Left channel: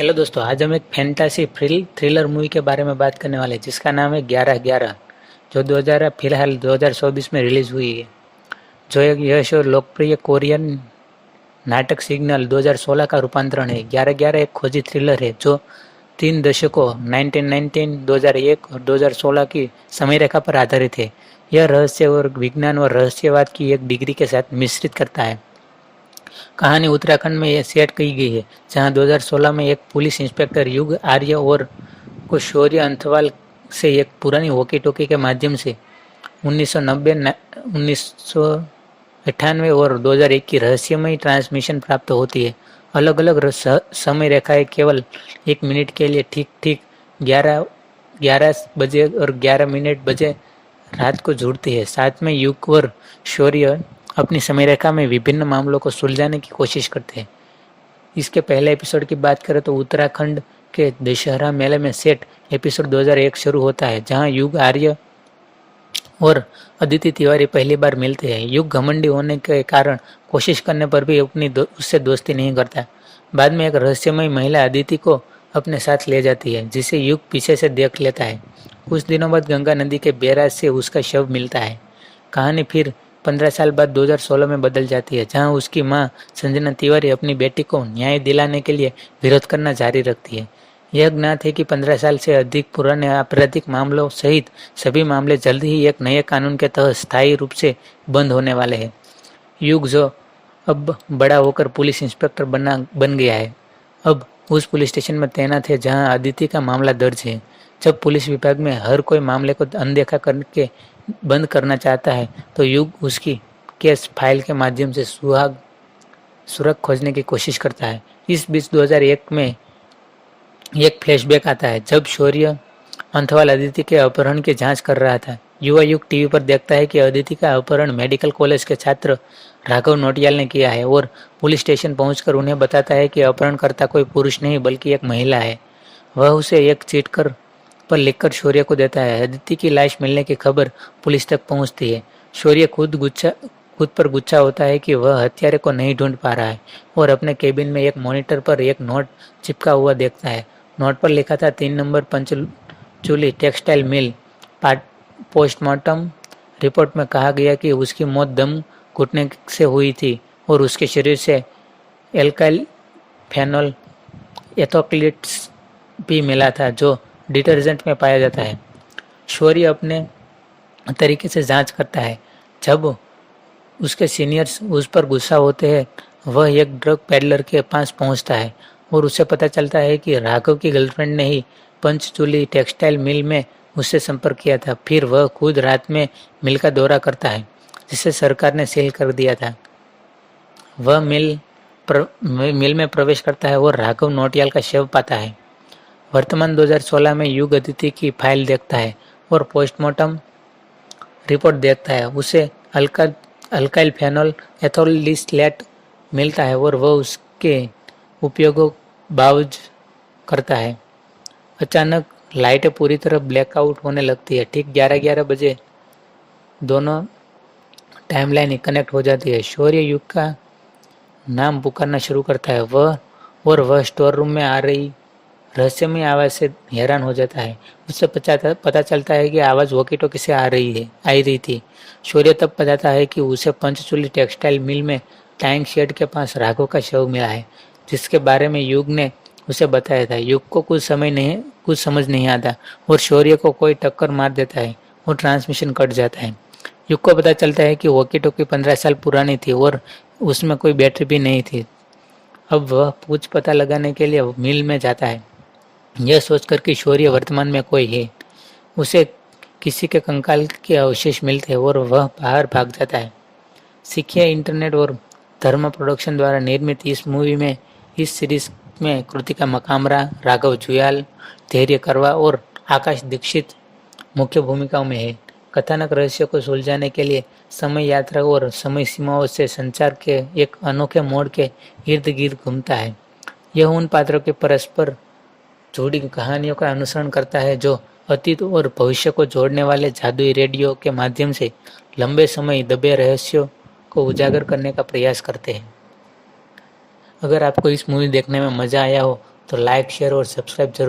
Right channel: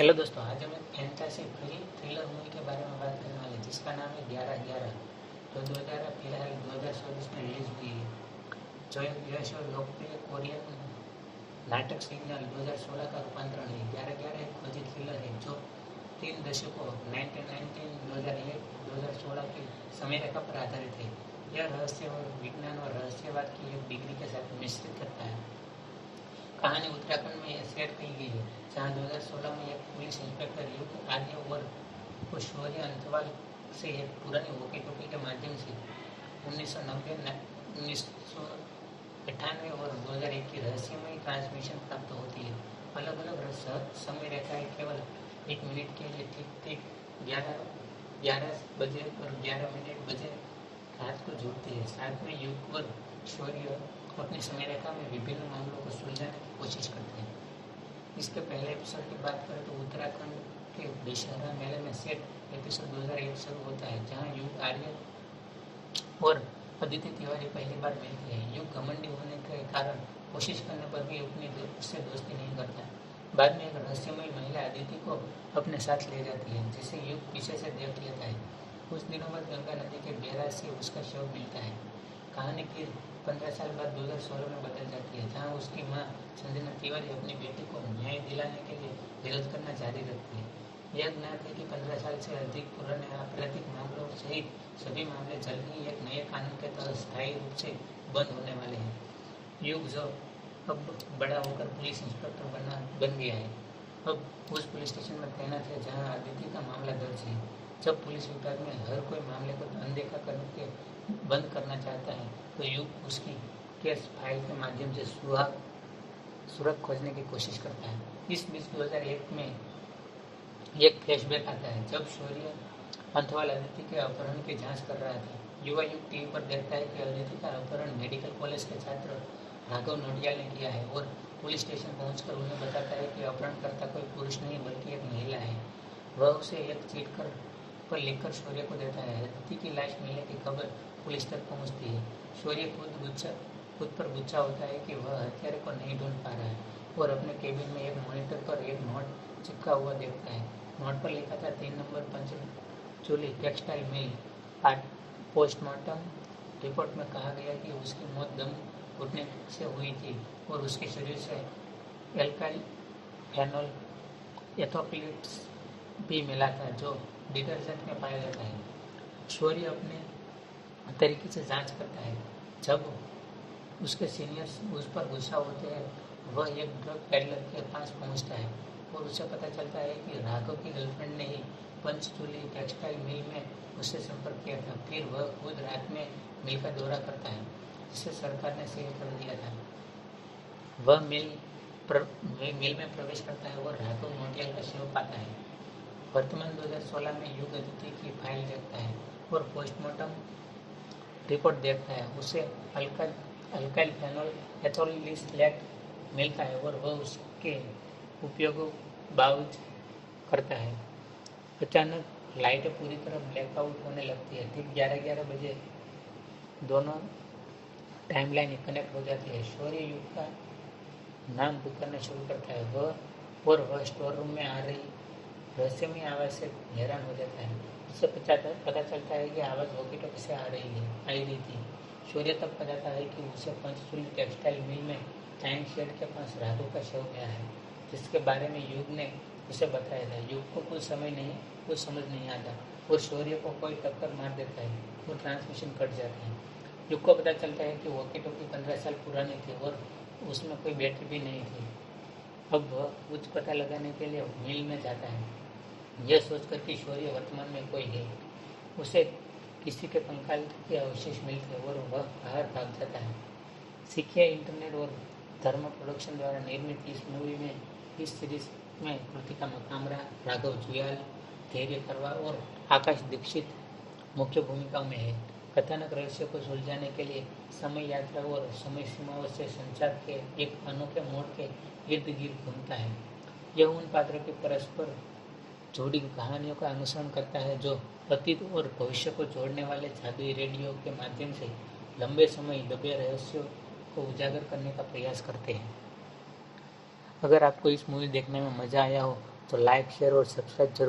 Hello दोस्तों, आज हम एक फैंटासी थ्रिलर मूवी के बारे में बात करने वाले हैं जिसका नाम है 11/11, जो 2000 फिलहाल 2024 में रिलीज हुई है। जो एक यश और लोकप्रिय कोरियन नाटक सिग्नल 2016 का रूपांतरण है। 11/11 एक खोजी थ्रिलर है जो 3 दशकों 1919, 2001 और 2016 की समय रेखा पर आधारित है। यह रहस्य और विज्ञान और रहस्यवाद की एक डिग्री के साथ मिश्रित करता है। कहानी उत्तराखंड में यह सेट की गई है, जहां 2016 में एक पुलिस इंस्पेक्टर युग आर्य और को शौर्य अंथवाल से एक पुरानी वॉकी टॉकी के माध्यम से 1990, 1998 और 2001 की रहस्यमयी ट्रांसमिशन प्राप्त होती है। अलग अलग समय रेखाएं केवल 1 मिनट के लिए ठीक ठीक 11 बजे और 11 मिनट बजे रात को जुड़ती है। साथ में युग और शौर्य अपनी समय रेखा में विभिन्न मामलों को सुलझाने की कोशिश करते हैं। इसके पहले एपिसोड की बात करें तो उत्तराखंड के दशहरा मेले में सेट एपिसोड 2001 शुरू होता है, जहां युग आर्य और अदिति तिवारी पहली बार मिलते हैं। युग घमंडी होने के कारण कोशिश करने पर भी उससे दोस्ती नहीं करता। बाद में एक रहस्यमयी महिला अदिति को अपने साथ ले जाती है, जिसे युग पीछे से देख लेता है। कुछ दिनों बाद गंगा नदी के बैराज से उसका शव मिलता है। कहानी फिर 15 साल बाद 2016 में बदल जाती है, जहां उसकी मां संजना तिवारी अपनी बेटी को न्याय दिलाने के लिए विरोध करना जारी रखती है। यह ज्ञात है कि 15 साल से अधिक पुराने आपराधिक मामलों सहित सभी मामले जल्द ही एक नए कानून के तहत स्थायी रूप से बंद होने वाले हैं। युग, जो अब बड़ा होकर पुलिस इंस्पेक्टर बन गया है, अब उस पुलिस स्टेशन में तैनात है जहां अदिति का मामला दर्ज है। जब पुलिस विभाग में हर कोई मामले को अनदेखा करके बंद करना चाहता है, तो युग उसकी केस फाइल के माध्यम से सुराग खोजने की कोशिश करता है। इस बीच 2001 में एक फ्लैशबैक आता है, जब शौर्य अंथवाल अदिति के अपहरण की जांच कर रहा था। युवा युग टीवी पर देखता है कि अदिति का अपहरण मेडिकल कॉलेज के छात्र राघव नोटियाल ने किया है और पुलिस स्टेशन पहुंचकर उन्हें बताता है कि अपहरणकर्ता कोई पुरुष नहीं बल्कि एक महिला है। वह उसे एक चिट पर लिखकर शौर्य को देता है। अदिति की लाश मिलने की खबर पुलिस तक पहुंचती है। शौर्य खुद पर गुस्सा होता है कि वह हत्यारे को नहीं ढूंढ पा रहा है और अपने केबिन में एक मॉनिटर पर एक नोट चिपका हुआ देखता है। नोट पर लिखा था 3 number Panchchuli textile mill. Postmortem report में कहा गया कि उसकी मौत दम घुटने से हुई थी और उसके शरीर से एल्काइल फेनोल एथोक्लिट्स भी मिला था, जो डिटर्जेंट में पाया जाता है। शौर्य अपने तरीके से जांच करता है। जब उसके सीनियर्स उस पर गुस्सा होते हैं, वह एक ड्रग पेडलर के पास पहुंचता है और उसे पता चलता है कि राघव की गर्लफ्रेंड ने ही पंचचूली टेक्सटाइल मिल में उससे संपर्क किया था। फिर वह खुद रात में मिल का दौरा करता है, जिसे सरकार ने सील कर दिया था। वह मिल में प्रवेश करता है और राघव नोटियाल का शव पाता है। वर्तमान 2016 में युग अदिति की फाइल देखता है और पोस्टमार्टम रिपोर्ट देखता है। उसे अल्काइल फेनोल एथोलिस्लेट मिलता है और वह उसके उपयोगों बावज करता है। अचानक लाइटें पूरी तरह ब्लैकआउट होने लगती है। ठीक 11:11 बजे दोनों टाइमलाइन कनेक्ट हो जाती है। शौर्य युग का नाम पुकारना शुरू करता है। वह स्टोर रूम में आ रही रहस्यमय आवाज से हैरान हो जाता है। उससे पता चलता है कि आवाज वॉकी टॉकी से आ रही थी। शौर्य तब बताता है कि उसे पंचचूली टेक्सटाइल मिल में टैंक शेड के पास राघव का शव मिला है, जिसके बारे में युग ने उसे बताया था। युग को कुछ समझ नहीं आता और शौर्य को कोई टक्कर मार देता है और ट्रांसमिशन कट जाता है। युग को पता चलता है कि वॉकी टॉकी 15 साल पुरानी थी और उसमें कोई बैटरी भी नहीं थी। अब वह कुछ पता लगाने के लिए मिल में जाता है, यह सोचकर कि शौर्य वर्तमान में कोई है। उसे किसी के कंकाल के अवशेष मिलते हैं और वह बाहर भाग जाता है। सिखिया इंटरनेट और धर्म प्रोडक्शन द्वारा निर्मित इस सीरीज में कृतिका मकामरा, राघव जुयाल, धैर्य करवा और आकाश दीक्षित मुख्य भूमिकाओं में है। कथानक रहस्य को सुलझाने के लिए समय यात्रा और समय सीमाओं से संचार के एक अनोखे मोड़ के इर्द गिर्द घूमता है। यह उन पात्रों के परस्पर जुड़ी कहानियों का अनुसरण करता है जो अतीत और भविष्य को जोड़ने वाले जादुई रेडियो के माध्यम से लंबे समय दबे रहस्यों को उजागर करने का प्रयास करते हैं। अगर आपको इस मूवी देखने में मज़ा आया हो तो लाइक शेयर और सब्सक्राइब जरूर